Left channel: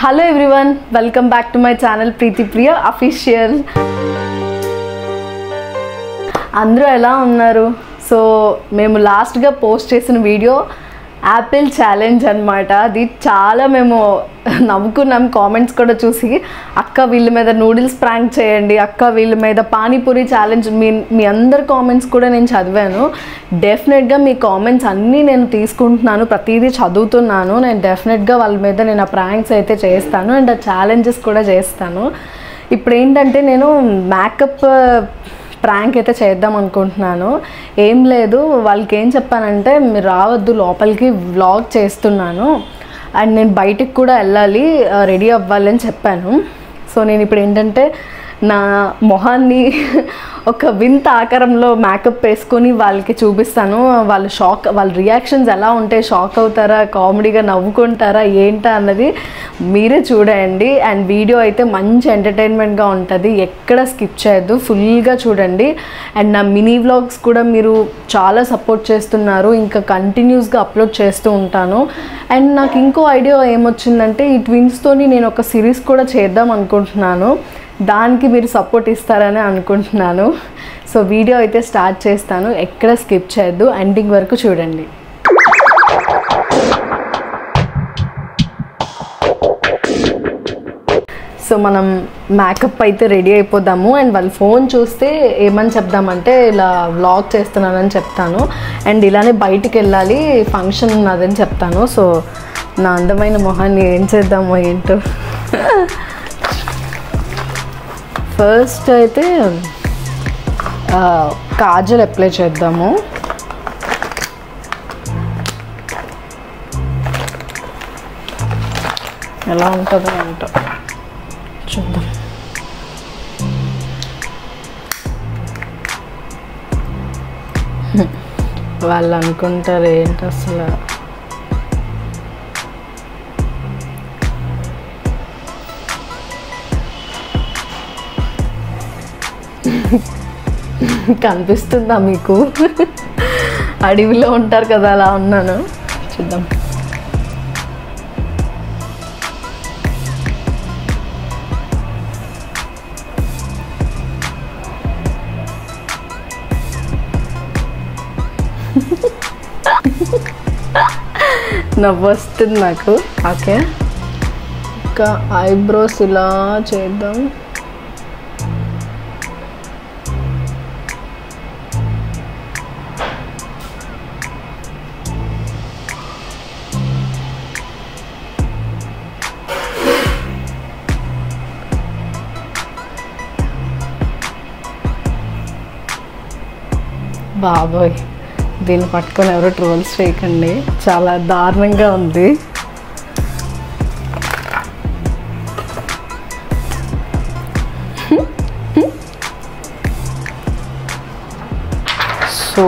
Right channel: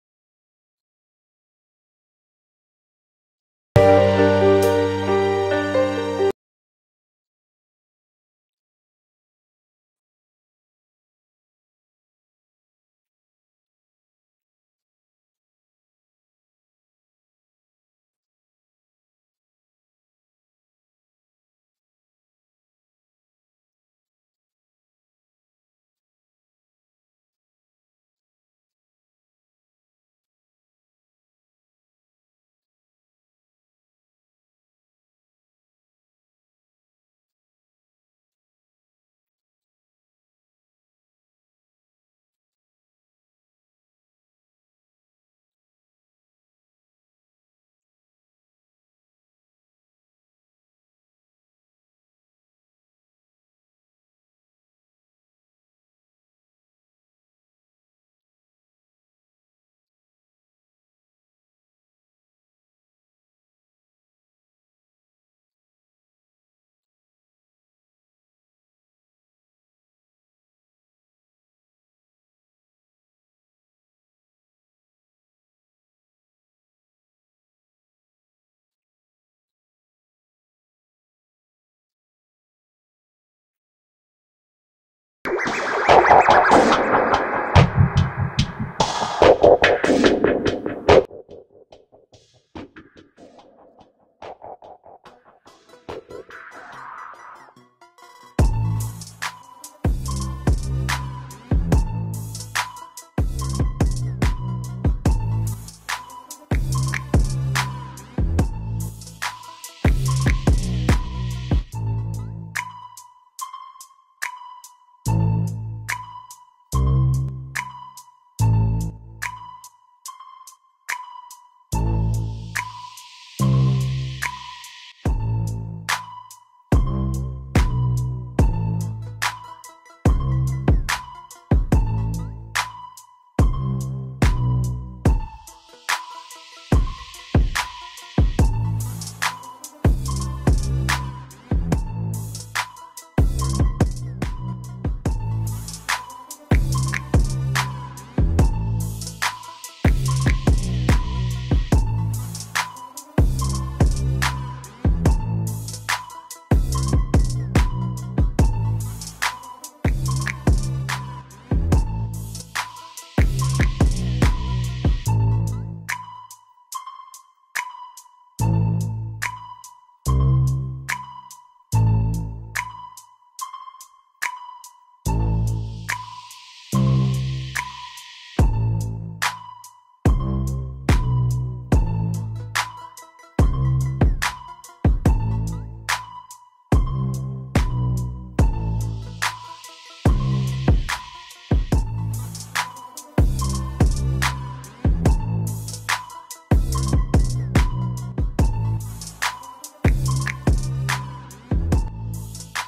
Hello everyone, welcome back to my channel Preeti Priya Official. అందరూ ఎలా ఉన్నారు? So మేము లాస్ట్గా పోస్ట్ చేసిన వీడియో యాపిల్ ఛాలెంజ్ అనమాట. అది చాలా మేము నవ్వుకున్నాం. కామెంట్స్ కూడా చూసి అక్క వీళ్ళ మీద నూడిల్స్ ప్రాంక్ చేయండి, అక్క వీళ్ళ మీద పానీపూరి ఛాలెంజ్, మీ అందరి కామెంట్స్ కూడా నేను చదివాను. డెఫినెట్గా మీ కామెంట్స్ అన్నీ నేను తీసుకుంటున్నాను, ప్రతిదీ చదువుతున్నాను. నేను డెఫినెట్గా వాళ్ళ మీద నేను ఆ ప్రాంక్స్ అయితే చేస్తాను అండ్ ఆ ఛాలెంజెస్ కూడా చేస్తాను. ఇప్పుడు ఏంటంటే నేను మేకప్ ప్రాంక్ అయితే చేద్దాం అనుకుంటున్నాను. ఏం లేదు, వాళ్ళకి ఏం చెప్పానంటే మీరు రావద్దు లోపలికి, వ్లాగ్ చేస్తున్నాను అండ్ నేను బయటికి కూడా వెళ్ళాలి, రెడీ అవ్వాలి అని చెప్పాను. సో నేను ఇప్పుడు ఏంటంటే నా మొహాన్ని ఒక వింత ఆకారంలో మేకప్ వేసుకొని వాళ్ళకి చూపిస్తాను. వాళ్ళ రియాక్షన్స్ ఎలా ఉంటాయి, షాక్ అవుతారా, కామెడీగా నవ్వుకుంటారా ఏంటా అన్నది మీరే చూడండి. అండ్ వీడియో అయితే మంచి ఎంటర్టైన్మెంట్గా ఉంటుంది, ఎక్కడ స్కిప్ చేయొద్దు, ఫుల్గా చూడండి. అండ్ నా మినీ వ్లాగ్స్ కూడా మీరు చాలా సపోర్ట్ చేస్తున్నారు, ఇంకా కంటిన్యూస్గా అప్లోడ్ చేస్తూ ఉంటాను. అండ్ నాకు ఇంకో ఐడియా ఏమొచ్చిందంటే ఈ ట్విన్స్తోని నేను ఒక సిరీస్ కూడా చేద్దాం అనుకుంటున్నాను. దానికి మీరు సపోర్ట్ ఇస్తారని అనుకుంటున్నాను. సో వీడియో అయితే స్టార్ట్ చేస్తాను, ఎక్కడ స్కిప్ చేయొద్దు, ఎండింగ్ వరకు చూడండి. సో మనం మేకప్ అయితే రెడీ అయిపోదాము. అండ్ వాళ్ళు ఫోన్ చూస్తే ఏమని చెప్దామంటే ఇలా వ్లాగ్ చేస్తున్నానని చెప్తాను. అండ్ ఇలానే బయటికి వెళ్ళాలి, ఫంక్షన్ ఉన్నదని చెప్తాను. సో నా అందమైన మొహాన్ని ఏం చేద్దామో ఏంటో. ఫస్ట్ అయితే కాజల్ అప్లై చేద్దాము. ఎలా ఉంటుందో ఏంటో చూద్దాం. వాళ్ళు అనుకుంటారు ఏంటి అసలు. కనిపిస్తుందా మీకు? అడవిలో ఉంటారు కదా, అలా ఉన్నాను. చూద్దాం. నవ్వు వస్తుంది నాకు. ఓకే, ఇంకా ఐబ్రోస్ ఇలా చేద్దాం. బాబోయ్, దీన్ని పట్టుకొని ఎవరో ట్రోల్స్ చేయకండి, చాలా దారుణంగా ఉంది. సో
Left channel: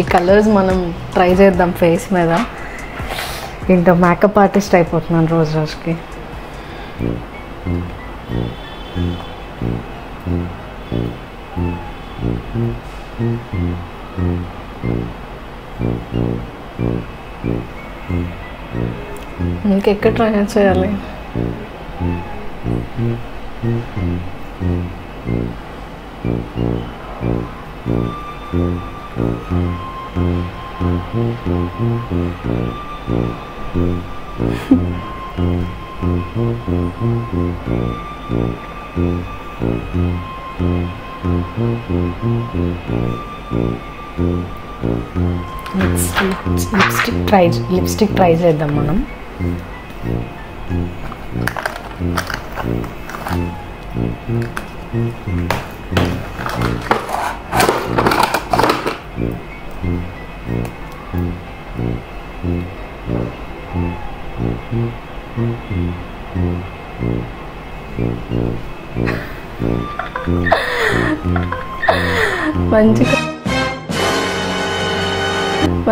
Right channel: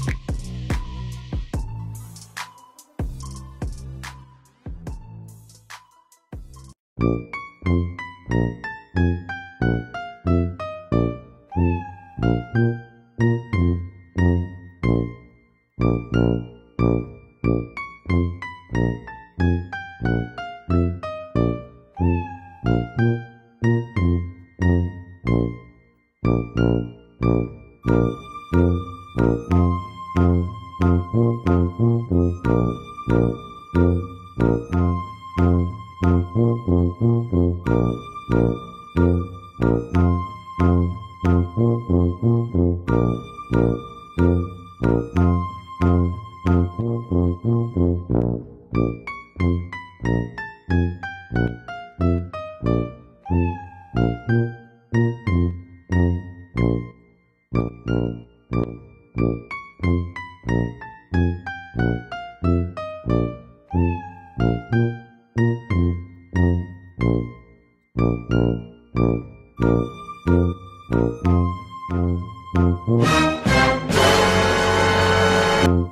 ఈ కలర్స్ మనం ట్రై చేద్దాం ఫేస్ మీద. ఇంకా మేకప్ ఆర్టిస్ట్ అయిపోతున్నాను రోజు రోజుకి. ఇంకెక్కడ ట్రై చేయాలి? లిప్స్టిక్ ట్రై చేద్దాం మనం.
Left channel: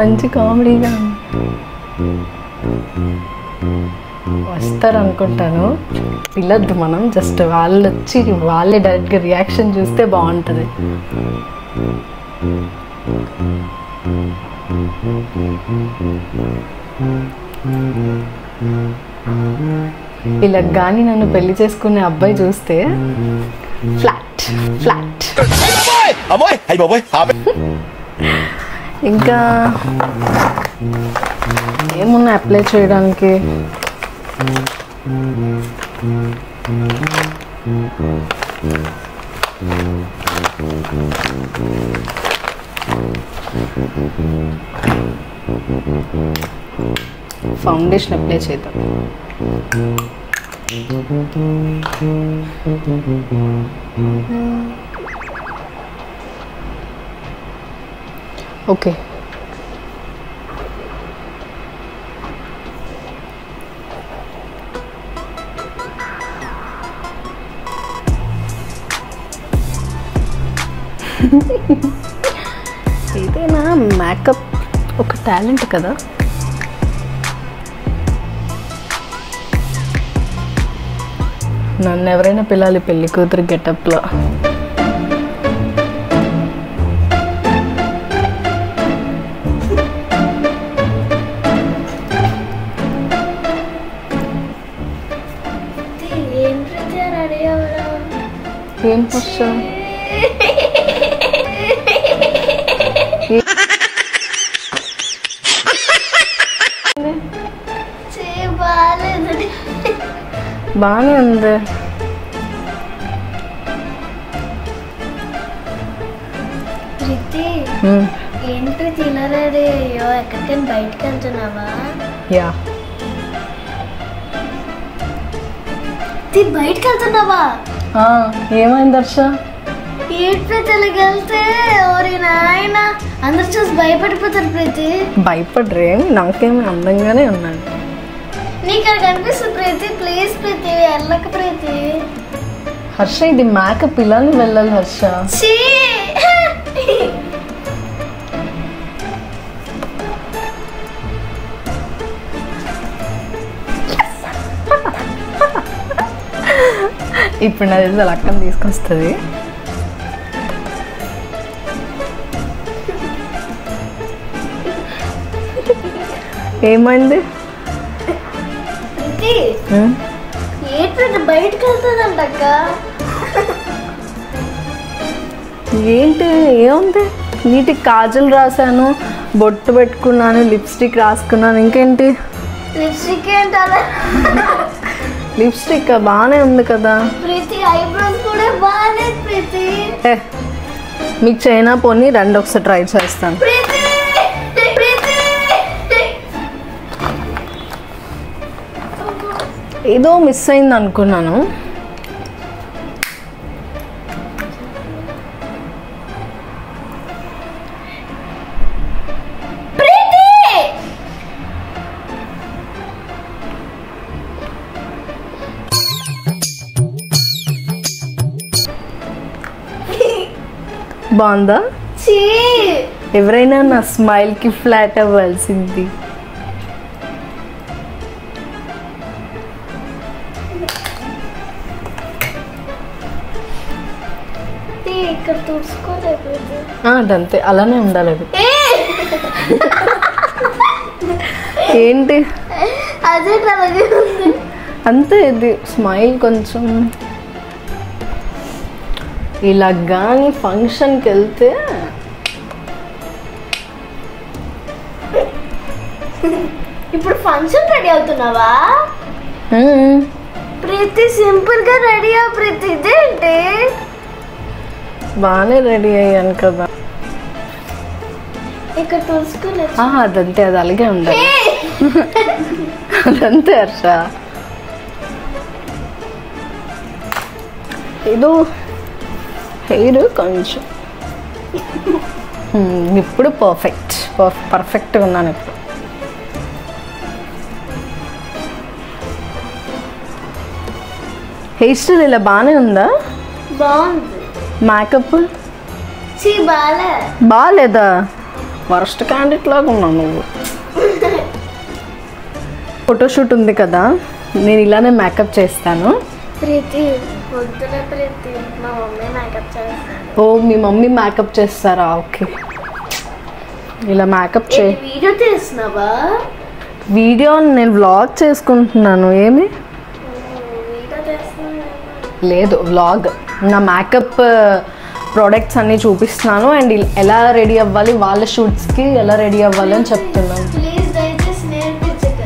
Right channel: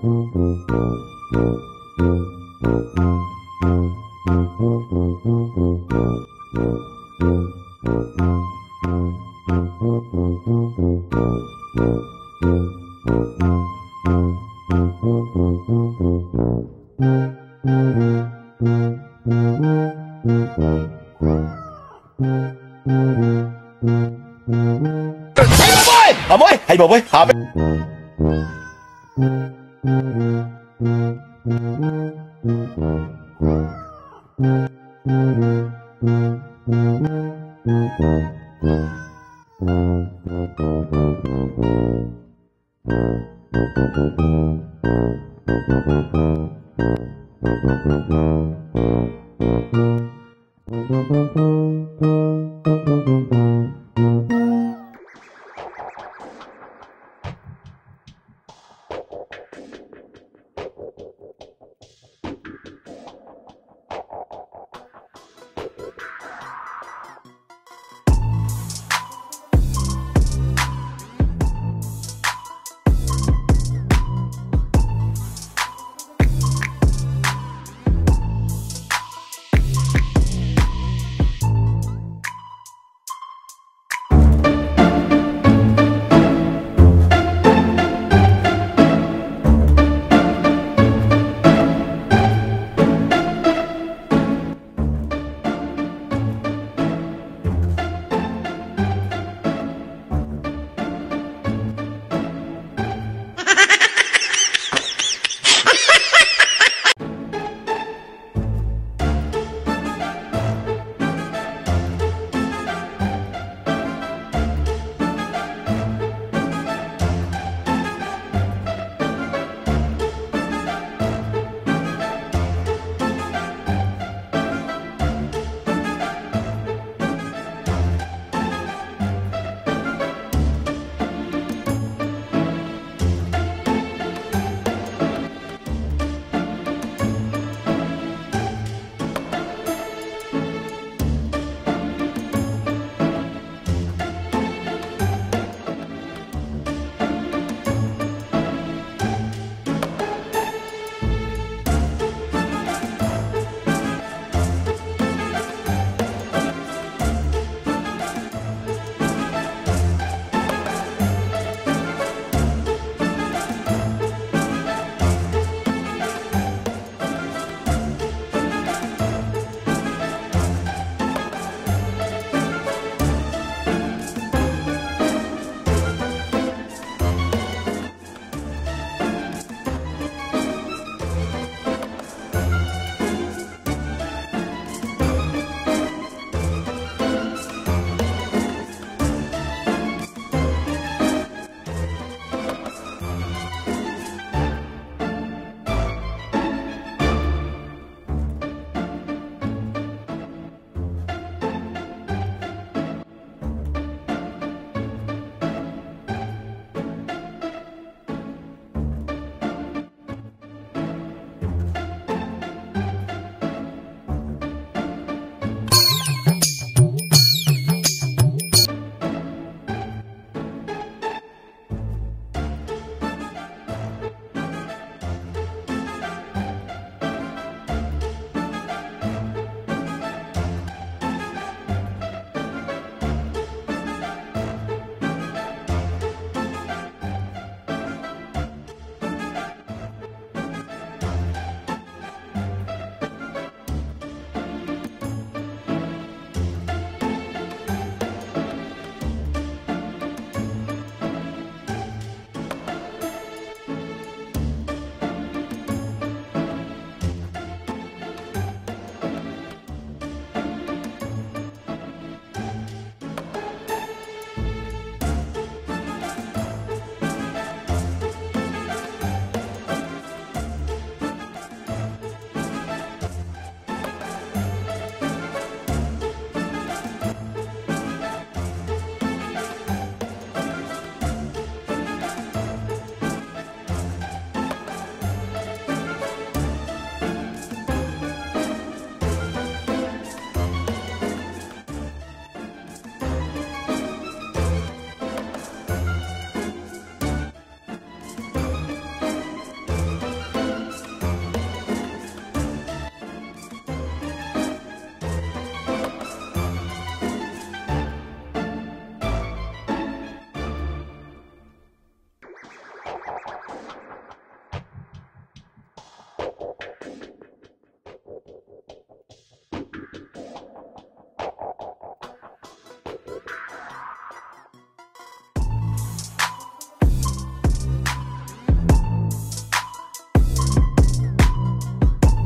మంచి కామెడీగా వస్తారు అనుకుంటాను. పిల్లద్దు మనం, జస్ట్ వాళ్ళు వచ్చి వాళ్ళే డైరెక్ట్గా రియాక్షన్ చూస్తే బాగుంటుంది. ఇలా కానీ నన్ను పెళ్లి చేసుకునే అబ్బాయి చూస్తే ఫ్లాట్ ఫ్లాట్. ఇంకా ఏమున్నా అప్లై చేయడానికి? ఫౌండేషన్ అప్లై చేద్దాం. ఓకే, ఏదైనా మేకప్ ఒక టాలెంట్ కదా. నన్ను ఎవరైనా పిల్లాలి పెళ్లి కూతురు గెటప్లో. ఏం ఫస్ట్ బాగానే ఉంది. ఏంటి తినరేది? ఎక్కడికైనా బయటకు వెళ్తున్నావా? యా, బయటకు వెళ్తున్నావా? ఏమైంది హర్ష? ఏంటి తెలిగెళ్తే ఓరి నాయన అందరు చూసి భయపడిపోతారు. ప్రీతి భయపడరే, నాకేమి అందంగానే ఉన్నాను. నీకు అక్కడ కనిపిస్తుంది ప్రీతి. ప్లీజ్ ప్రీతి వెళ్ళక ప్రీతి. హర్ష ఇది మేకప్ ఇలానే వెళ్ళాలి హర్ష. ఇప్పుడు నా తెలిసి అలా అక్కని తీసుకొస్తుంది. ఏమైంది? బయటకు వెళ్తుందంట. ఏంటి ఏముంది? నీటికి కాజల్ రాశాను, బొట్టు పెట్టుకున్నాను, లిప్స్టిక్ రాసుకున్నాను. ఇంకేంటి? లిప్స్టిక్ ఏంటలా? లిప్స్టిక్ బాగానే ఉంది కదా. ప్రీతి ఐబ్రోస్ కూడా బాగానే. ప్రీతి మీకు చైనా పోనీ రండి ఒకసారి ట్రై చేస్తాను. ఏదో మిస్ అయింది అనుకున్నాను. బాగుందా? ఎవరైనా నా స్మైల్కి ఫ్లాట్ అవ్వాల్సింది. అదంతే, అలానే ఉండాలి. ఏంటి అదే అంతే, ఇది స్మైల్ కొంచెం ఇలా కానీ ఫంక్షన్కి వెళ్తే. ఇప్పుడు ఫంక్షన్ రెడీ అవుతున్నావా? ప్రీతి సింపుల్ గా రెడీ అవ్వ ప్రీతి. ఇదేంటి? బాగానే రెడీ అయ్యాను కదా. ఇక్కడ చూసుకుని అదంతే, అది అలాగే ఉండాలి. అదంతే హర్ష. ఏదో హెయిర్ కొంచెం ఇప్పుడు పర్ఫెక్ట్గా ఉన్నాను. ఇప్పుడు హెయిర్ స్టైల్ ఇలా బాగానే ఉందా? బాగుంది. మేకప్ బాగాలేదా? వరస్ట్ క్యాండిడేట్ లాగా ఉన్నావు నువ్వు. ఫోటోషూట్ ఉంది కదా, నేను ఇలానే మేకప్ చేస్తాను. ఓ మీ మమ్మీ మేకప్ చేస్తారా? ఓకే, ఇలా మేకప్ వీడియో తీస్తున్నావా? వీడియో నేను వ్లాగ్ చేసుకుంటున్నాను. ఏమి లేదు వ్లాగ్, నా మేకప్ ప్రోడక్ట్స్ అన్నీ చూపిస్తున్నాను అండ్ ఎలా రెడీ అవ్వాలి, వాళ్ళ షూట్స్కి ఎలా రెడీ అవ్వాలి అని చెప్తున్నాను. ప్లీజ్ దయచేసి నేర్పించక.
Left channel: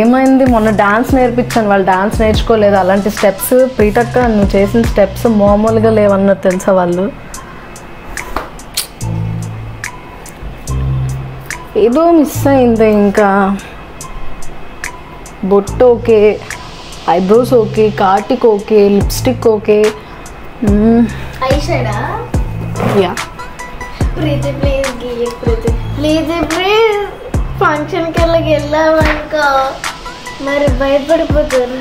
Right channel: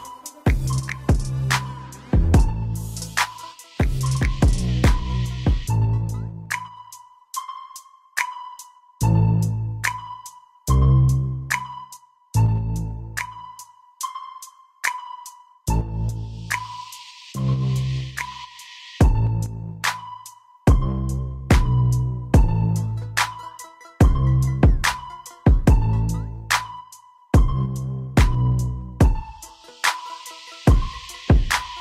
ఏమైంది, మొన్న డాన్స్ నేర్పించాను, వాళ్ళు డాన్స్ నేర్చుకోలేదు. అలాంటి స్టెప్స్ ప్రీతక్క నువ్వు చేసిన స్టెప్స్ మామూలుగా లేవన్నది తెలుసా వాళ్ళు. ఏదో మిస్ అయింది. ఇంకా బొట్టు ఓకే, ఐబ్రోస్ ఓకే, కాటిక్ ఓకే, లిప్స్టిక్ ఓకే. ఐ షేడా? యా. ప్రీతి ప్లీజ్ గీయ ప్రీతి ప్లీజ్ ప్లీజ్. ఫంక్షన్కి వెళ్ళామనుకో మరి భయపడిపోతారు.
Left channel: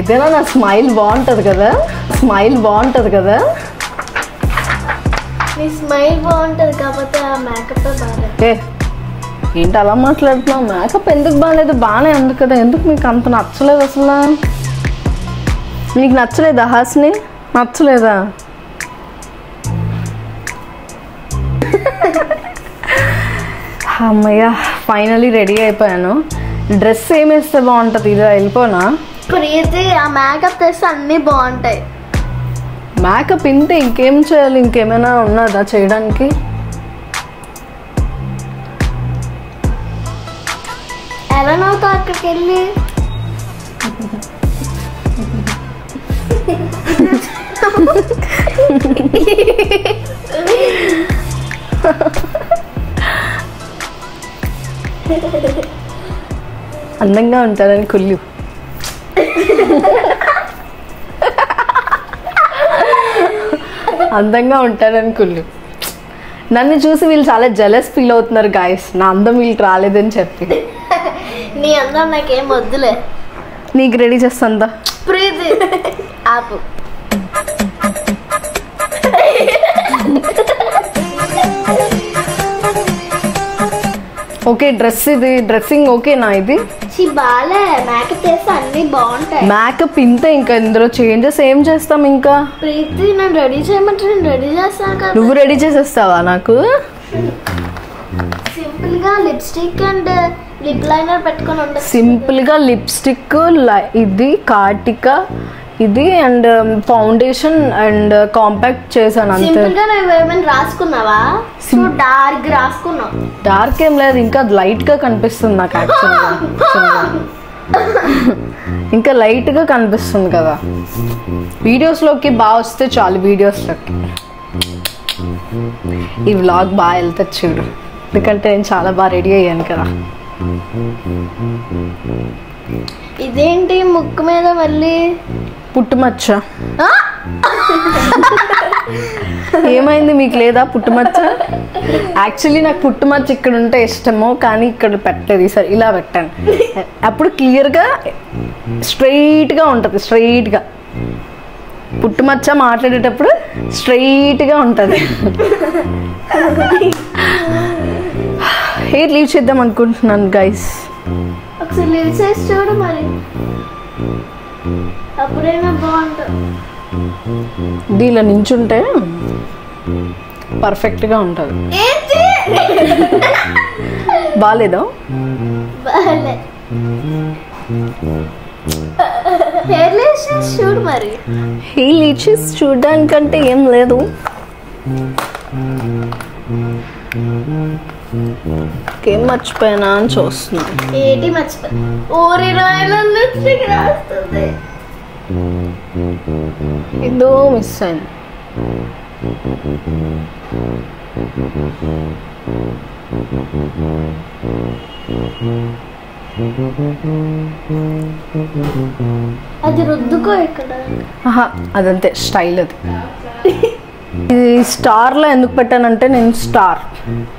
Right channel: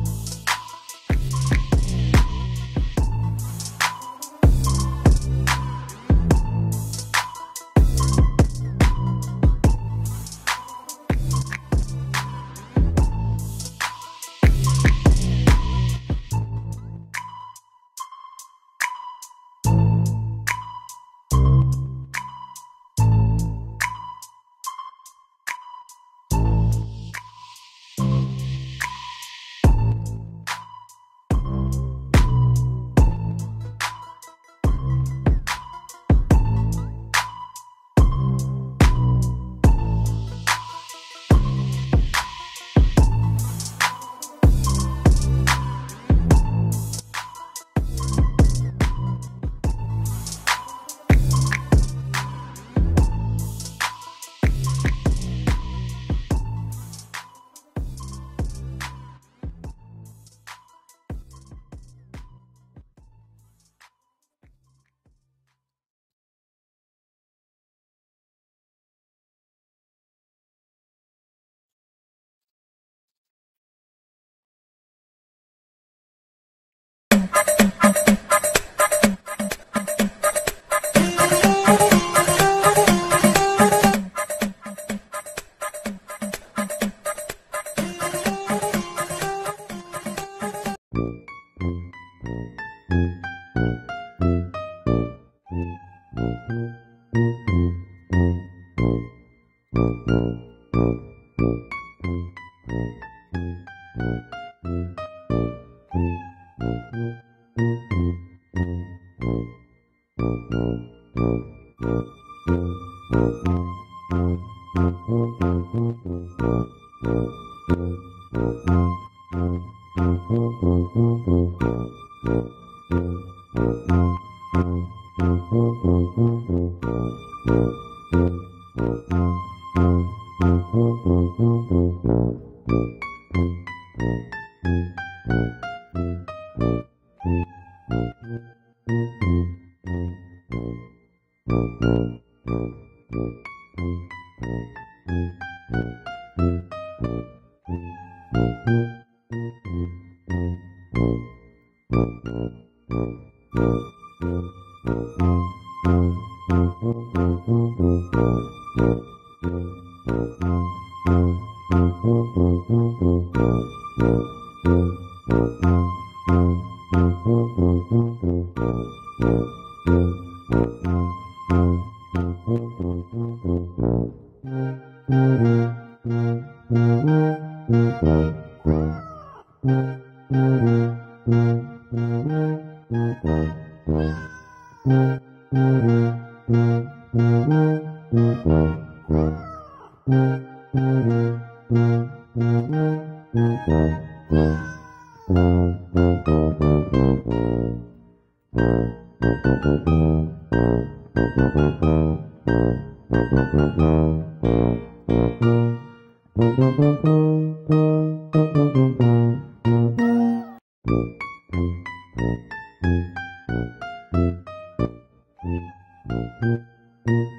ఇదేనా నా స్మైల్ బాగుంటుంది కదా, స్మైల్ బాగుంటుంది కదా. నీ స్మైల్ బాగుంటుంది కాకపోతే ఆ మేకప్ బాగా. ఏంటి అలా మాట్లాడుతున్నావు? మేకప్ ఎందుకు బాగాలేదు? బాగానే ఉంది కదా. ఎందుకు మీకు అంత నచ్చలేదు అసలు? మీకు నచ్చలేదా హాస్ని? నచ్చలేదా? అమ్మయ్య ఫైనలీ రెడీ అయిపోయాను. డ్రెస్ ఏమి వేస్తే బాగుంటుంది? ఇదా వెళ్ళిపోనా? ప్రీతి ఆ మేకప్ తెస్తే అన్నీ బాగుంటాయి. మేకప్ ఇంతే, ఇంకేం చేయాలి? ఇంకేమైనా ఉన్నదా చేయడానికి? ఎలా నవ్వుతావు అక్కడికి వెళ్ళి? అందంగా ఉంటారని కుళ్ళు. అందంగా ఉంటారని కుళ్ళు. నన్ను చూసి వీళ్ళు చాలా జెలస్ ఫీల్ అవుతున్నారు గాయస్, నా అందం వీళ్ళకి రాలేదని చెప్పి. నీ అందం నాకేం వద్దులే. నీకు రెడీ చేస్తాందా? ప్రీతి ఆపు. ఓకే డ్రెస్, ఇది డ్రెస్సింగ్ ఓకేనా? ఇది బాలే మేకప్ చేస్తే అన్ని బాగుంటాయి. మేకప్ ఇంతే, ఇంకా ఇందులో చేంజెస్ ఏం చేస్తాం? ఇంకా ప్రీతి నన్ను రెడీ చేయమంటే నేను రెడీ చేస్తాను కదా. నువ్వు రెడీ చేసేస్తావా నాకు? సింపుల్ గా లిప్స్టిక్ అండ్ లిప్ లైనర్ పెట్టుకొని ఉంటాను. సింపుల్ గా లిప్స్టిక్, ఇది కాటిక, ఇది అండ్ ఫౌండేషన్ అండ్ కాంపాక్ట్ చేశాను అంతే. సింపుల్ గా నువ్వు ఏమైనా రాసుకున్నావా? డార్క్ రాసుకున్నావు. డార్క్ ఏం లేదు, ఇంకా లైట్ గా కనిపిస్తుంది నాకు యాక్చువల్గా. ఇంకా లైట్ గా కనిపిస్తుంది కదా. వీడియోస్ లోకి బాగా వస్తే చాలు. వీడియోస్ లోకి ఈ వ్లాగ్ బాగా వెళ్తుంది చూడు, ఎందుకంటే నేను చాలా బాగా రెడీ అయ్యాను కదా. ఇదేంటి ముక్కు మీద మళ్ళీ పుట్టుమచ్చ? ఏమైంది, మీకు లేదా పుట్టుమచ్చ? యాక్చువల్లీ నాకు పుట్టుమచ్చ ఇక్కడ ఉంటే ఇష్టమో, కానీ ఇక్కడ పెట్టలేదు. సరే ఇలా పెట్టాను, అప్పుడు క్లియర్గా స్ట్రైట్గా ఉంటుంది. స్ట్రైట్గా పుట్టుమచ్చ మాట్లాడేటప్పుడు స్ట్రైట్గా ఉంటుంది. హెయిర్ లీవ్ చేద్దాం అనుకుంటున్నాను గైస్. ఒకసారి లివ్ చేసి చూడు మరి, అప్పుడైనా బాగుంటుంది. దీనిలో నించుంటే పర్ఫెక్ట్గా ఉంటుంది. బాగాలేదా? బాలే. హెయిర్ లీవ్ చేసి చూడు మరి. హెయిర్ లీవ్ చేసి చూడడానికంటే ఏం లేదు. ఏం మర్చిపోయినా అని చూస్తున్నాను. ఏంటి మర్చిపోయి? ఊరి రాయలలో రాస్తుంది. ఏదో మిస్ అయింది. అది రుద్దుకో ఇక్కడ. అదంతే స్టైల్. అది ఇది స్టార్లో ఎందుకు పెట్టానంటే నేను స్టార్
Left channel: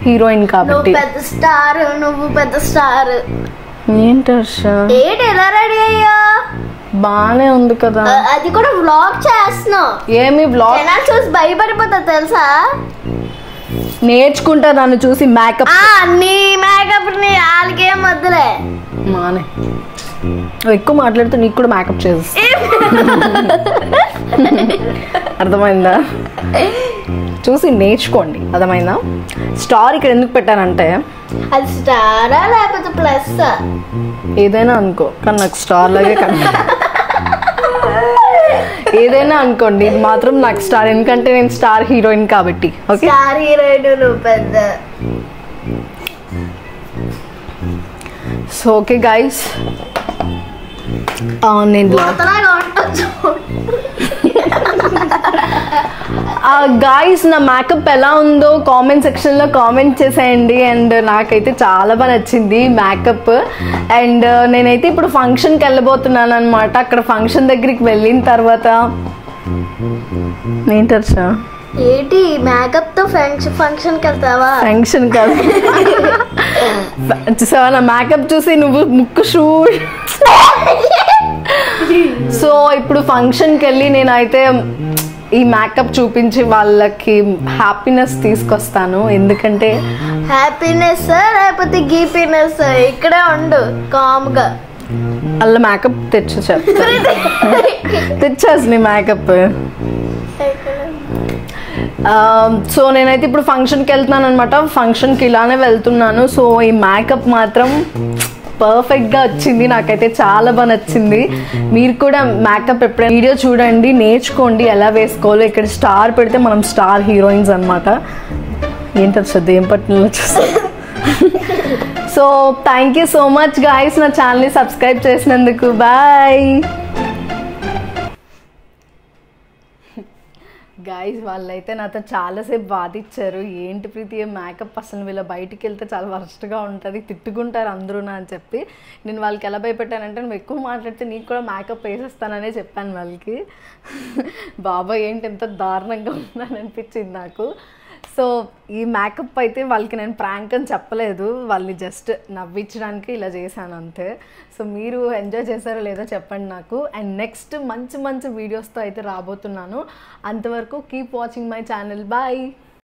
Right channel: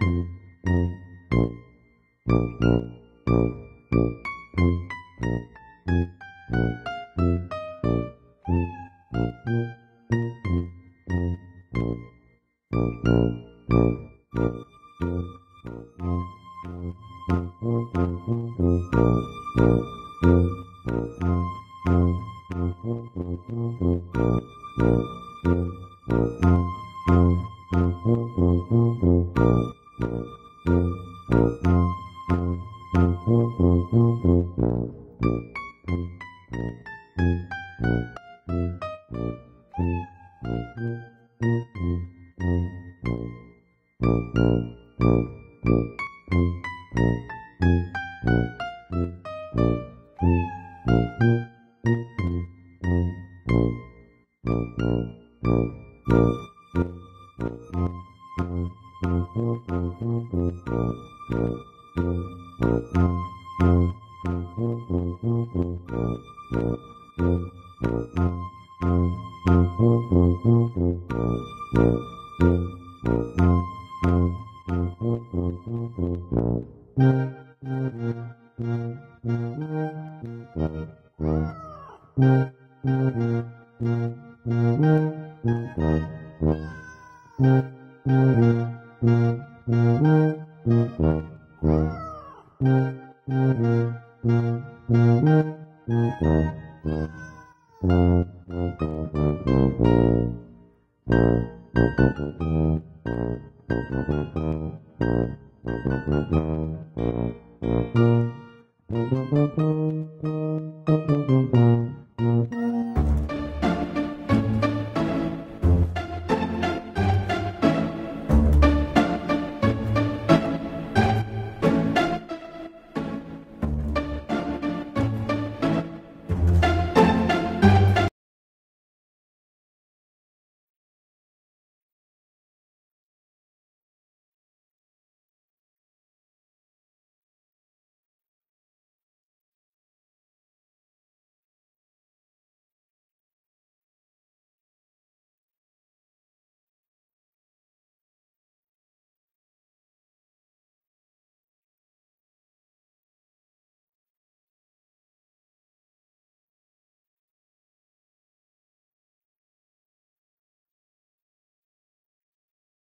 హీరోయిన్ కాబట్టి. పెద్ద స్టార్, నువ్వు పెద్ద స్టార్. ఏంటి ఏంటి ఎలా రెడీ అయ్యా? బానే ఉంది కదా. అది కూడా వ్లాగ్ చేస్తున్నావు. ఏమి వ్లాగ్? జనాలు చూసి భయపడిపోతా తెలుసా? నేర్చుకుంటా నన్ను చూసి మేకప్. నీ మేకప్ నీ వాళ్ళకేం వద్దులే. మానే ఎక్కువ మాట్లాడితే నీకు కూడా మేకప్ చేస్తా. అర్థమైందా? చూసి నేర్చుకోండి. అర్థమైందా? స్టార్ ఇక్కడ ఎందుకు పెట్టానంటే అది స్టారా లేకపోతే ప్లస్ ఏదైనా అనుకో, కానీ నాకు స్టార్ లాగే ఏదైనా అనుకోండి, ఇది మాత్రం నాకు స్టార్, ఎందుకంటే నేను స్టార్ హీరోయిన్ కాబట్టి. ఓకే, స్టార్ హీరోయిన్ నువ్వు పెద్ద. సో ఓకే గైస్, నేను గాయస్ నా మేకప్ ఎలా ఉందో కామెంట్ సెక్షన్లో కామెంట్ చేసేయండి. అండ్ నాకైతే చాలా బాగా నచ్చింది మేకప్. అండ్ నేనైతే ఇప్పుడు ఫంక్షన్కి వెళ్ళబోతున్నాను అనమాట. అక్కడ ఫంక్షన్ దగ్గరికి వెళ్ళిన తర్వాత ఏంటర్చా ఏంటి మేకప్ తో ఫంక్షన్కి వెళ్తావా? ఫంక్షన్ కాదు, చూసావా నా మేకప్ చూసి నువ్వు ముక్కు షూ. సో ఇప్పుడు ఫంక్షన్కి వెళ్ళి నేనైతే ఈ మేకప్ చూపించి వాళ్ళకి హ్యాపీనెస్ తీసుకొస్తాను. ఎందుకంటే హ్యాపీనెస్ లేకపోతే గీపీనెస్ ఇక్కడే ఉండు కామ్గా. వాళ్ళ మేకప్ తెచ్చేసి నీ మేకప్. సో నేనైతే ఇప్పుడు ఫంక్షన్కి వెళ్తున్నాను అనమాట. ఫంక్షన్కి ఇలానే వెళ్తున్నాను. సో ఈ మేకప్ మాత్రం పర్ఫెక్ట్గా వచ్చింది, నాకైతే చాలా బాగా నచ్చింది. మీరు కూడా మేకప్ ఎప్పుడైనా వీడియో చూడండి, నేర్చుకోండి ఎలా వేసుకోవాలో. ఇక్కడ స్టార్ పెడితే మనం స్టార్ హీరోయిన్స్ అనమాట. ఏంటది ఏం పట్టినలో చూస్తా. So thank you so much guys, నా ఛానల్ని సబ్స్క్రైబ్ చేసినందుకు. Bye guys. వాళ్ళైతే నాతో చాలాసేపు బాధించారు, ఏంటి ప్రీతి మేకప్ అసలు వీళ్ళ బయటికి వెళ్తే చాలా వర్స్ట్గా ఉంటుంది, తిట్టుకుంటారు అందరూ అని చెప్పి. నేను వాళ్ళకి ఎలా భయపెట్టానంటే, నువ్వు ఎక్కువ మాట్లాడితే నీకు కూడా మేకప్ వేసేస్తాననే చెప్పాను వాళ్ళకి. బాబాయ్ ఏంటి ఎంత దారుణంగా ఉందని అనిపించింది నాకు. సో ఈ మేకప్ అయితే వాళ్ళకి నేను ప్రాంక్ అని చెప్పలేదు, వాళ్ళని జస్ట్ నవ్వించడానికి ఇలా చేశాను అంతే. సో మీరు ఎంజాయ్ చేశారో లేదో చెప్పండి నాకు. అండ్ నెక్స్ట్ మంచి మంచి వీడియోస్తో అయితే రాబోతున్నాను. అంతవరకు keep watching my channel. Bye.